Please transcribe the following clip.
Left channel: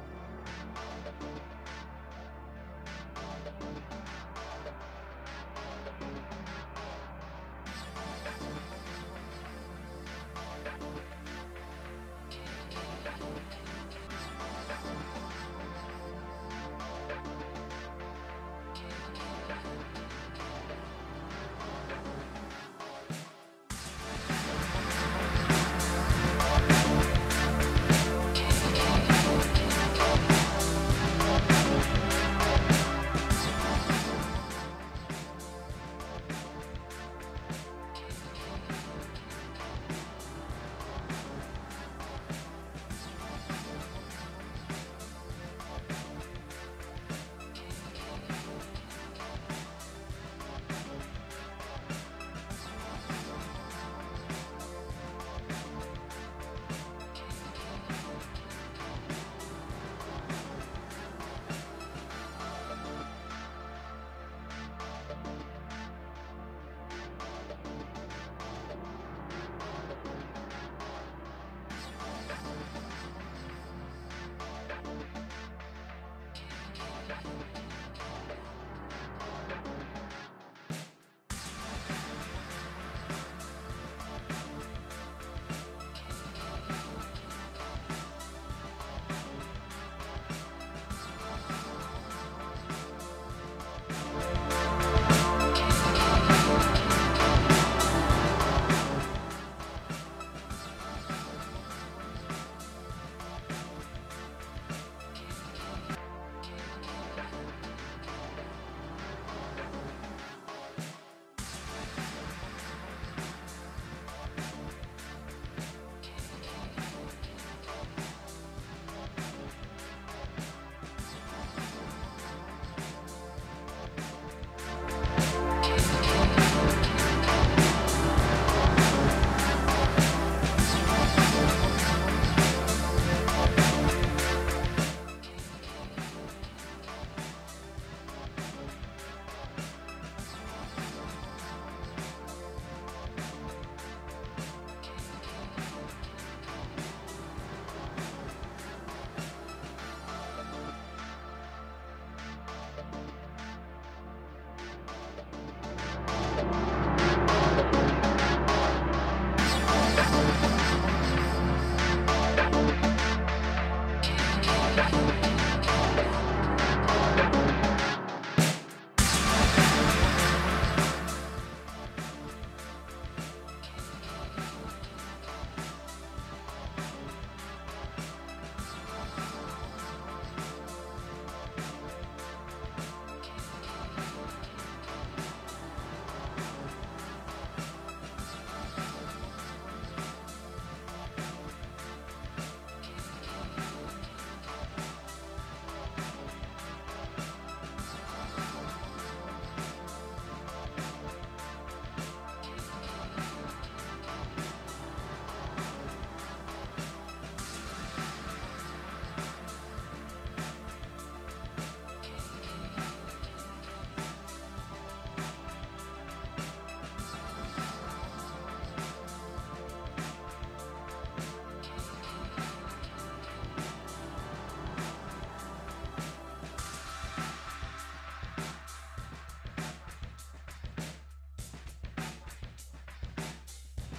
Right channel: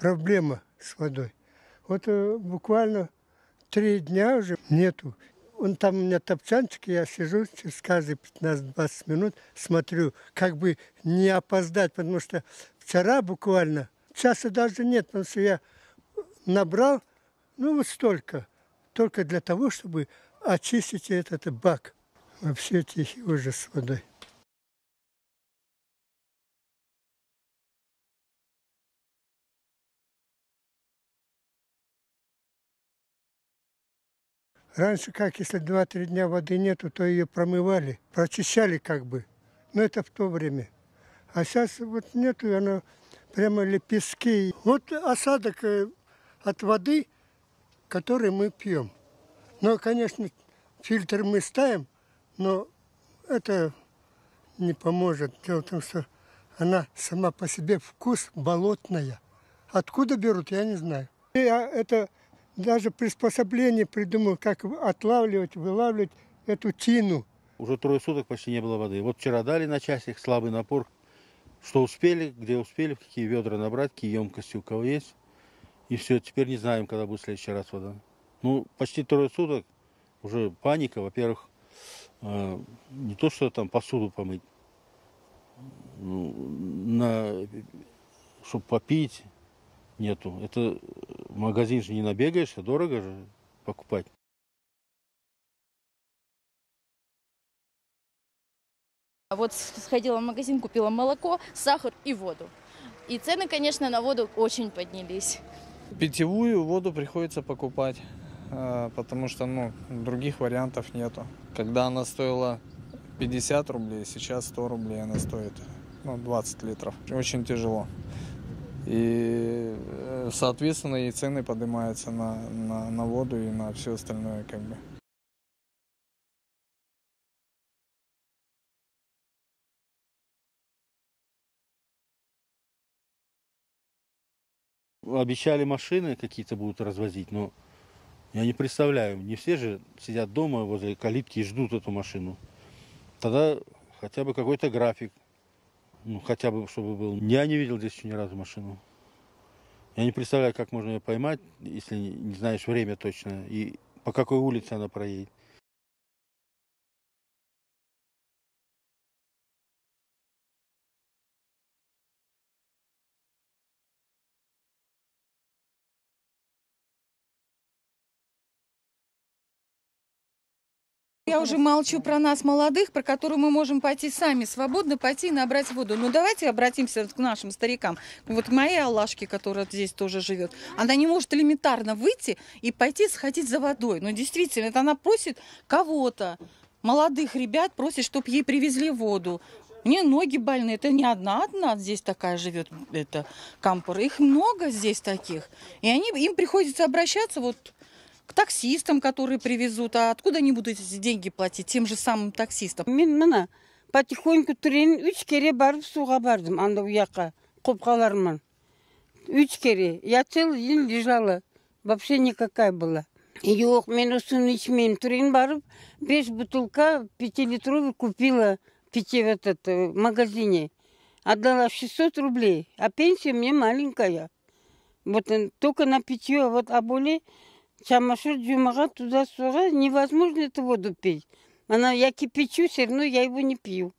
проблема с водой. Вот буквально 3 дня уже нету. Там у меня топчанчик, я сижу через каждые 15-20 минут, смотрю, как бы не опоздать, потому что вчера буквально, часа даже нет, потому что я набрал, вот столько, только для того, чтобы очистить этот бак. Вообще тихий ужас с водой. Раньше, как если 2-3 дня воды нету, то ее промывали, прочищали как бы. Но это в то время. А сейчас вот нету, и она прямо лепестки. Вот осадок от воды, который мы пьем. Но, конечно, фильтр мы ставим, но это не поможет. Дело в том, что она сама по себе вкус болотная. Откуда берут, я не знаю. И это даже приспособление придумал, как отлавливать, вылавливать эту тину. Уже 3 суток почти не было воды. Вот вчера дали на часик, слабый напор. Что успели, где успели, какие ведра набрать, какие емкости у кого есть. И все, теперь не знаем, когда будет в следующий раз вода. Ну, почти 3 суток уже паника. Во-первых, не то, что там посуду помыть, чтобы попить, нету. Это магазин же не набегаешь, а дорого же покупать. А вот сходила в магазин, купила молоко, сахар и воду. И цены, конечно, на воду очень поднялись. Питьевую воду приходится покупать, потому что других вариантов нету. Когда она стоила 50 рублей, сейчас 100 рублей она стоит, 20 литров. Очень тяжело. И, соответственно, и цены поднимаются на воду и на все остальное. Обещали, машины какие-то будут развозить, но я не представляю, не все же сидят дома возле калитки и ждут эту машину. Тогда хотя бы какой-то график, хотя бы чтобы был. Я не видел здесь ни разу машины. Я не представляю, как можно ее поймать, если не знаешь время точно и по какой улице она проедет. Я уже молчу про нас, молодых, про которые мы можем пойти сами, свободно пойти и набрать воду. Ну, давайте обратимся к нашим старикам. Вот моей Аллашке, которая здесь тоже живет, она не может элементарно выйти и пойти сходить за водой. Но действительно, это она просит кого-то, молодых ребят, просит, чтобы ей привезли воду. Мне ноги больные, это не одна здесь такая живет, это кампора. Их много здесь таких. И им приходится обращаться вот к таксистам, которые привезут. А откуда они будут эти деньги платить? Тем же самым таксистам. Мен потихоньку түрен 3 кере барып суға бардым, анда уяққа, қопқаларыман. 3 кере. Я целый день лежала. Вообще никакая была. Жоқ, мен осыны içмеймін. Түрен барып, 5 бутылка 5-литровый купила питье в магазине. Отдала 600 рублей, а пенсия мне маленькая. Вот только на питье, а более чамашур дюмага туда-сюда невозможно эту воду пить. Я кипячу, все равно я его не пью.